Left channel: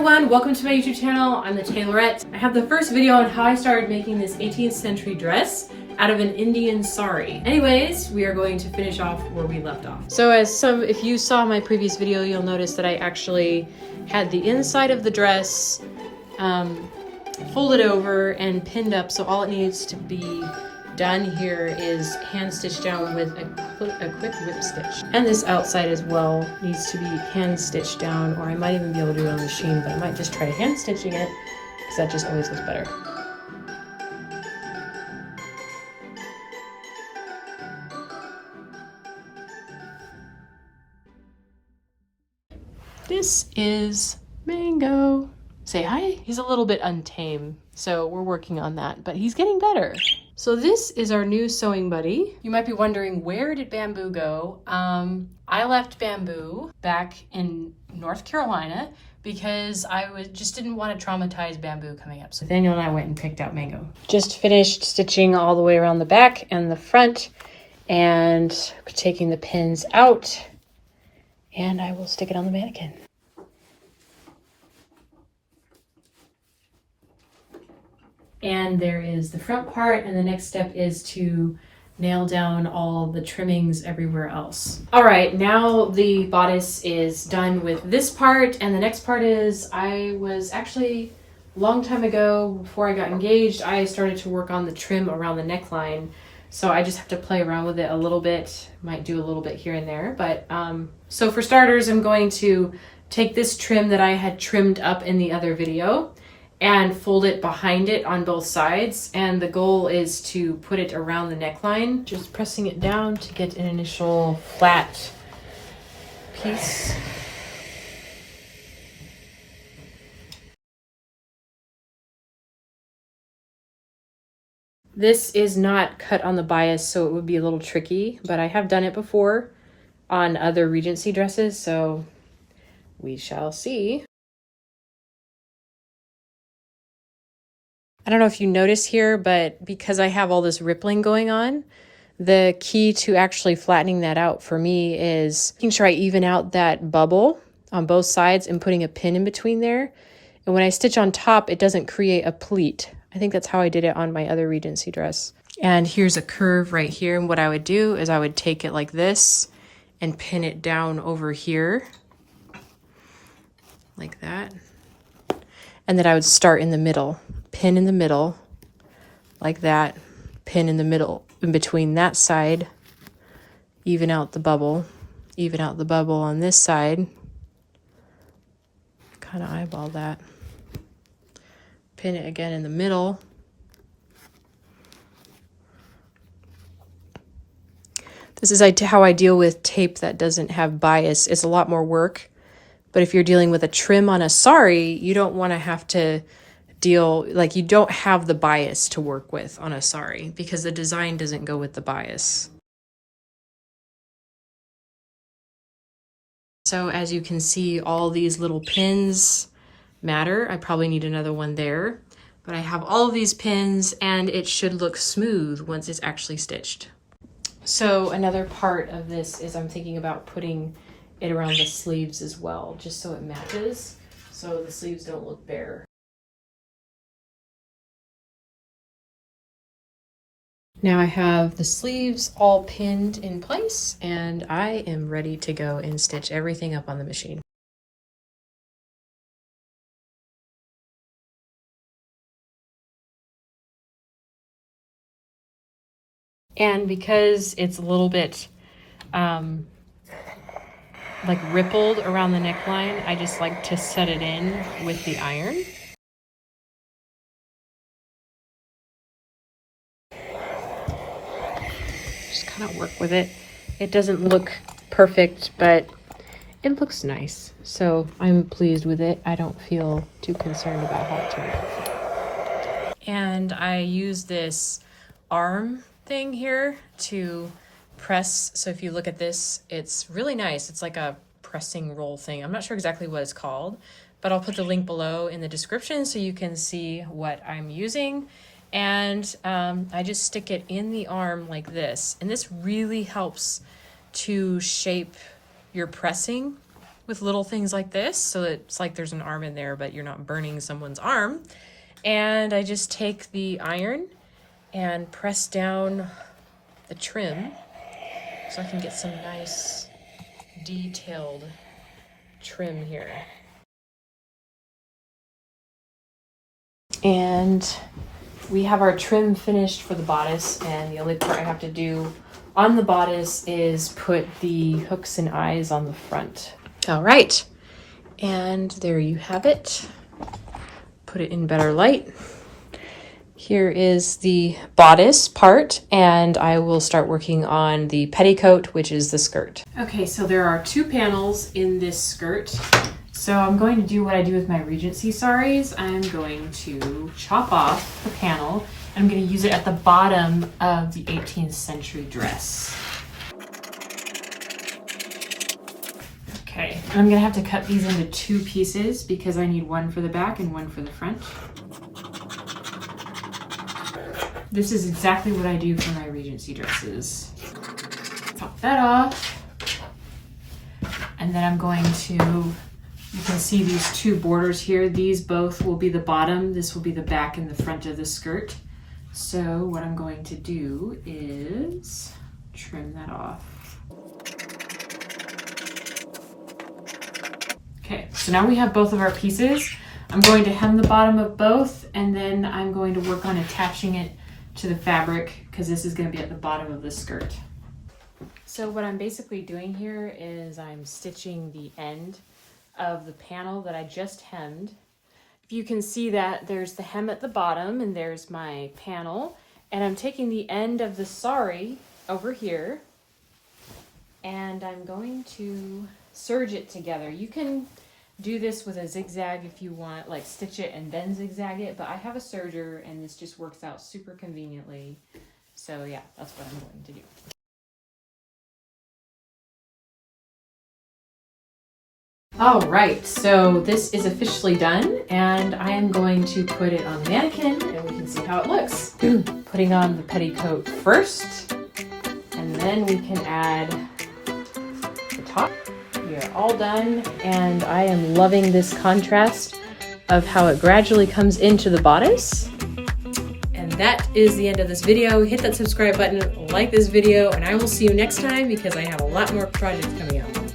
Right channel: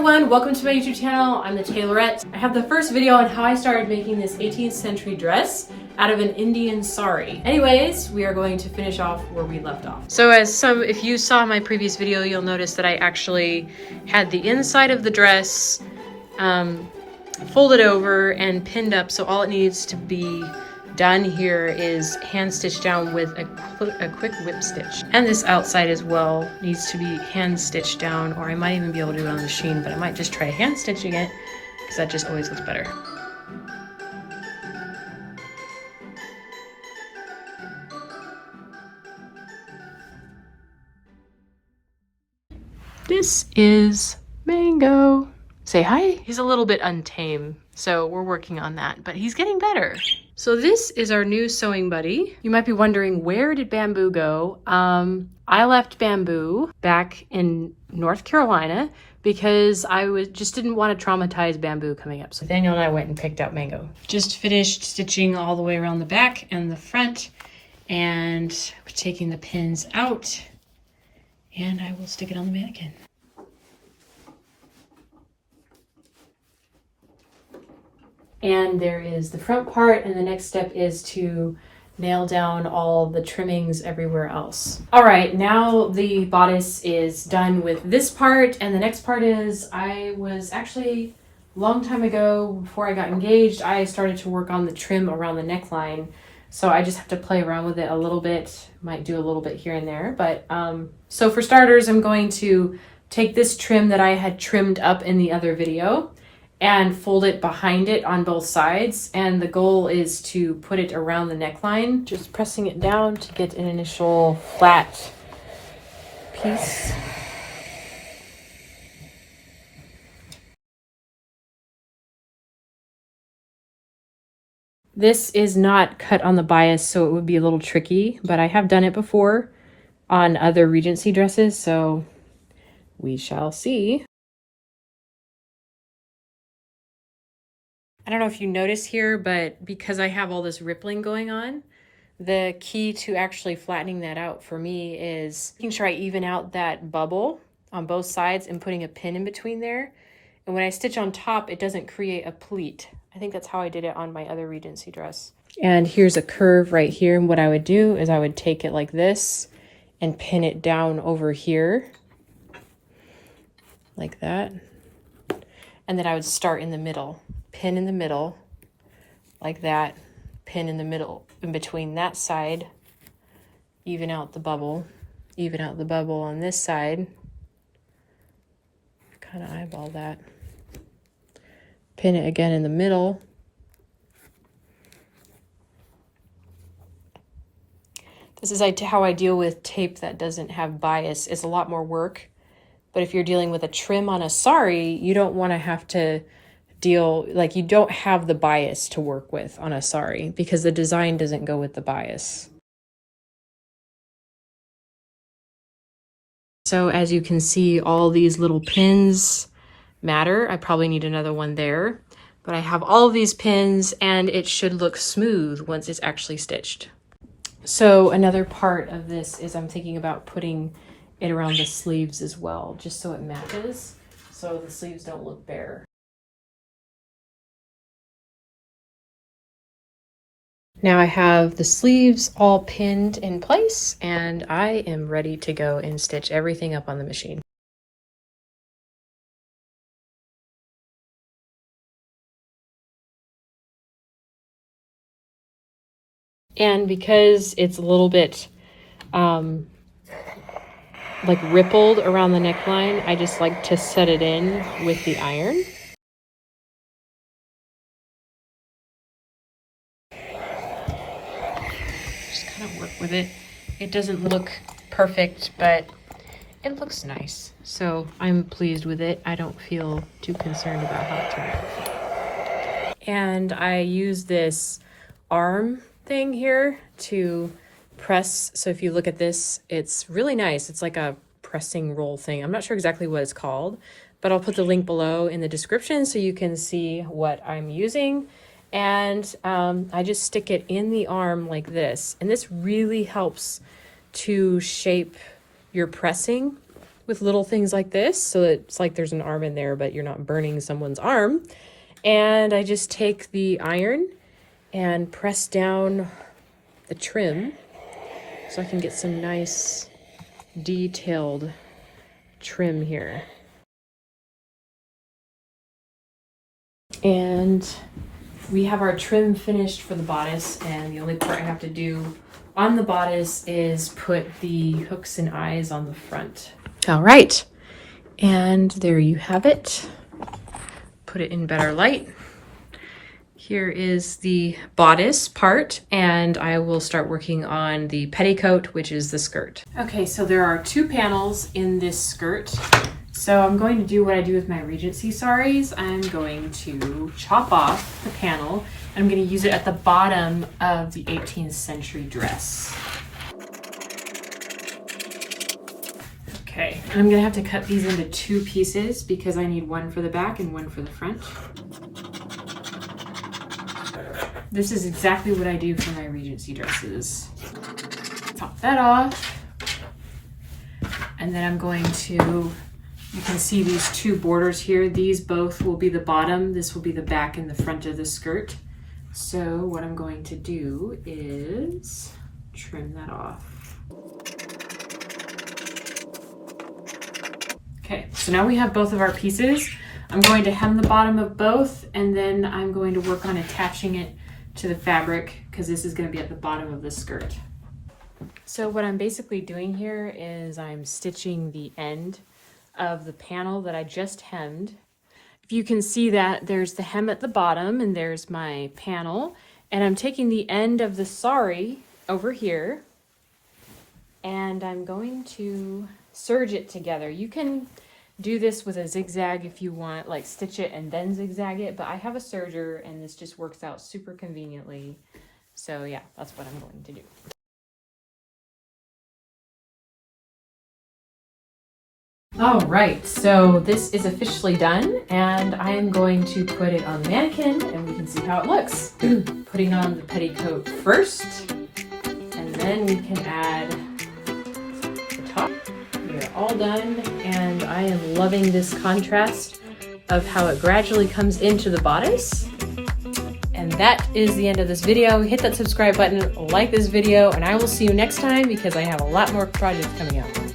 everyone, welcome to my YouTube channel. I'm the Tailorette. I have the first video on how I started making this 18th century dress out of an Indian sari. Anyways, we are going to finish off where we left off. So if you saw my previous video, you'll notice that I actually had the inside of the dress folded over and pinned up. So all it needs to be done here is hand stitched down with a quick whip stitch. And this outside as well needs to be hand stitched down, or I might even be able to do it on the machine, but I might just try hand stitching it because that just always looks better. This is Mango. Say hi. He's a little bit untamed, so we're working on that, but he's getting better. So this is our new sewing buddy. You might be wondering, where did Bamboo go? I left Bamboo back in North Carolina because I just didn't want to traumatize Bamboo coming up. So Daniel and I went and picked out Mango. Just finished stitching all the way around the back and the front and taking the pins out, and I will stick it on the mannequin. And there is the front part, and the next step is to nail down all the trimmings everywhere else. All right, now the bodice is done with this part, and the next part is, I was actually, a long time ago, before I got engaged, I started to work on the trim around the neckline. So I just have to play around with it a little bit, might do a little bit here and there. But so for starters, I'm going to take this trim that I had trimmed up in the other video and fold it behind it on both sides. And the goal is to put it around the neckline, just pressing it down to get an initial flat piece. This is not cut on the bias, so it would be a little tricky, but I have done it before on other Regency dresses, so we shall see. I don't know if you notice here, but because I have all this rippling going on, the key to actually flattening that out for me is making sure I even out that bubble on both sides and putting a pin in between there. And when I stitch on top, it doesn't create a pleat. I think that's how I did it on my other Regency dress. And here's a curve right here. And what I would do is I would take it like this and pin it down over here, like that. And then I would start in the middle. Pin in the middle, like that, pin in the middle, in between that side, even out the bubble on this side, kind of eyeball that, pin it again in the middle, this is how I deal with tape that doesn't have bias. It's a lot more work, but if you're dealing with a trim on a sari, you don't want to have to you don't have the bias to work with on a sari because the design doesn't go with the bias. So as you can see, all these little pins matter. I probably need another one there, but I have all of these pins and it should look smooth once it's actually stitched. So another part of this is I'm thinking about putting it around the sleeves as well, just so it matches, so the sleeves don't look bare. Now I have the sleeves all pinned in place and I am ready to go and stitch everything up on the machine. And because it's a little bit like rippled around the neckline, I just like to set it in with the iron. Work with it. It doesn't look perfect, but it looks nice. So I'm pleased with it. I don't feel too concerned about how it turned out. And I use this arm thing here to press. So if you look at this, it's really nice. It's like a pressing roll thing. I'm not sure exactly what it's called, but I'll put the link below in the description so you can see what I'm using. And I just stick it in the arm like this. And this really helps to shape your pressing with little things like this. So it's like there's an arm in there, but you're not burning someone's arm. And I just take the iron and press down the trim so I can get some nice detailed trim here. And we have our trim finished for the bodice, and the only part I have to do on the bodice is put the hooks and eyes on the front. All right, and there you have it. Put it in better light. Here is the bodice part, and I will start working on the petticoat, which is the skirt. Okay, so there are 2 panels in this skirt. So I'm going to do what I do with my Regency saris. I'm going to chop off the panel, and I'm going to use it at the bottom of the 18th century dress. Okay, and I'm going to have to cut these into 2 pieces because I need one for the back and one for the front. This is exactly what I do for my Regency dresses. Pop that off, and then I'm going to, you can see these 2 borders here. These both will be the bottom. This will be the back and the front of the skirt. So what I'm going to do is trim that off. Okay, so now we have both of our pieces. I'm going to hem the bottom of both, and then I'm going to work on attaching it to the fabric because this is going to be at the bottom of the skirt. So what I'm basically doing here is I'm stitching the end of the panel that I just hemmed. If you can see that there's the hem at the bottom and there's my panel, and I'm taking the end of the sari over here and I'm going to serge it together. You can do this with a zigzag if you want, like stitch it and then zigzag it, but I have a serger and this just works out super conveniently. So yeah, that's what I'm going to do. All right, so this is officially done, and I am going to put it on the mannequin and we can see how it looks. Putting on the petticoat first, and then we can add the top. We are all done, and I am loving this contrast of how it gradually comes into the bodice. And that is the end of this video. Hit that subscribe button, like this video, and I will see you next time because I have a lot more projects coming out.